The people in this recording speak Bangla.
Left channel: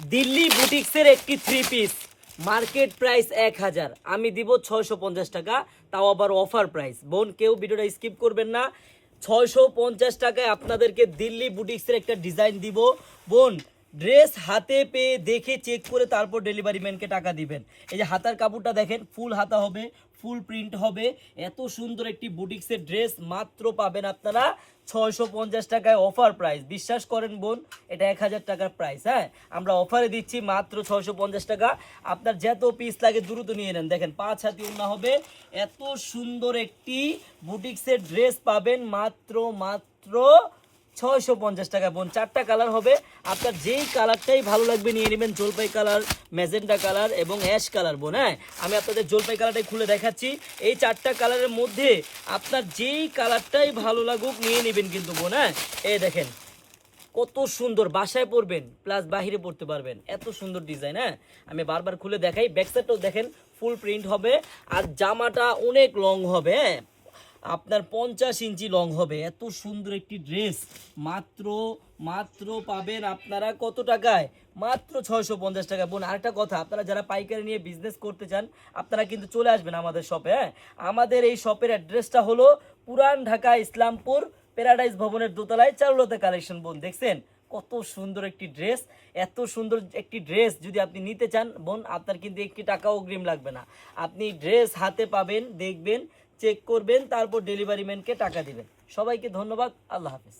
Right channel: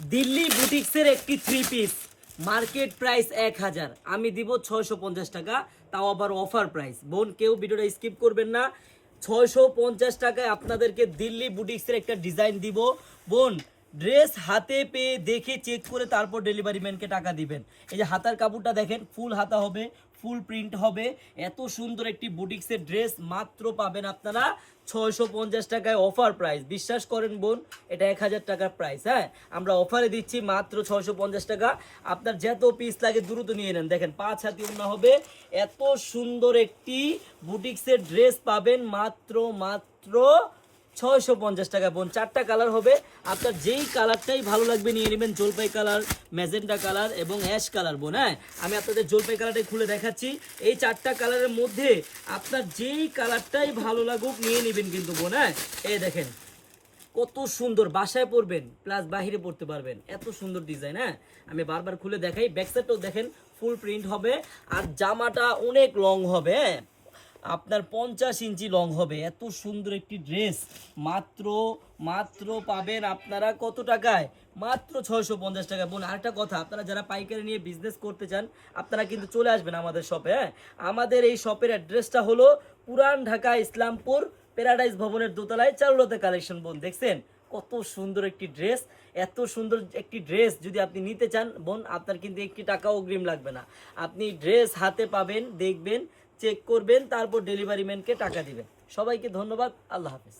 দিল্লি বুটিক্সের একটি থ্রি পিস মার্কেট প্রাইস 1000, আমি দিব 650 টাকা, তাও আবার অফার প্রাইস। বোন কেউ ভিডিওটা স্কিপ করবেন না। 650 টাকায় আপনাদেরকে দিল্লি বুটিক্সের একটা ডিজাইন দিব। বোন ড্রেস হাতে পেয়ে দেখে চেক করে তারপর ডেলিভারি ম্যানকে টাকা দিবেন। এই যে হাতার কাপড়টা দেখেন, ফুল হাতা হবে, ফুল প্রিন্ট হবে। এত সুন্দর একটি বুটিক্সের ড্রেস মাত্র পাবেন আপনারা 650 টাকায়, অফার প্রাইস। বিশ্বাস করেন বোন, এটা 1000 টাকার প্রাইস। হ্যাঁ, আমরা অফারে দিচ্ছি মাত্র 650 টাকা। আপনার যত পিস লাগে দ্রুত নিয়ে নেন। দেখেন 5 হাতি ওড়না হবে। এত সুন্দর একটি বুটিক্সের ড্রেস পাবেন মাত্র 650 টাকা। বোন 4টা কালার হবে, আপনার যেই কালারটাই ভালো লাগবে নিয়ে নেবেন। জলপাই কালার, ম্যাজেন্টা কালার এবং অ্যাশ কালার। বোন হ্যাঁ, আমি আপনাদের জলপাই কালারটাই খুলে দেখাচ্ছি। এই 4টা কালারের মধ্যে আপনার যেই কালারটাই ভালো লাগুক নিয়ে নেবেন কিন্তু বোন। হ্যাঁ, এই দেখেন কত সুন্দর, বাসায় পরবেন প্লাস বাহিরে পরতে পারবেন, এত সুন্দর ডিজাইন। হ্যাঁ, আমি বারবার খুলে দেখাই। ব্যাকসাইডটাও দেখেন ফুল প্রিন্ট হবে, আর জামাটা অনেক লং হবে। হ্যাঁ, আপনার 50 ইঞ্চি লং হবে। এত সুন্দর একটি ড্রেস মাত্র পাবেন আপনারা কত টাকায়? মাত্র 650 টাকা। বোন আরেকটা কথা, আপনারা যারা পাইকারি নিয়ে বিজনেস করতে চান আপনারা কিন্তু চলে আসবেন আমাদের শপে। হ্যাঁ, আমাদের এই শপের অ্যাড্রেসটা হলো পুরান ঢাকা ইসলামপুর প্যারাডাইস ভবনের দোতলায় চারুলতা কালেকশন। বোন দেখছেন কত সুন্দর একটি ড্রেস। এত সুন্দর একটি ড্রেস যদি আপনি নিতে চান বোন, আপনার কিন্তু একটি টাকাও অগ্রিম লাগবে না। আপনি ড্রেস হাতে পাবেন, দেখবেন, চেক করবেন, তারপর ডেলিভারি ম্যানকে টাকা দিবেন। সবাইকে ধন্যবাদ, আল্লাহ হাফেজ।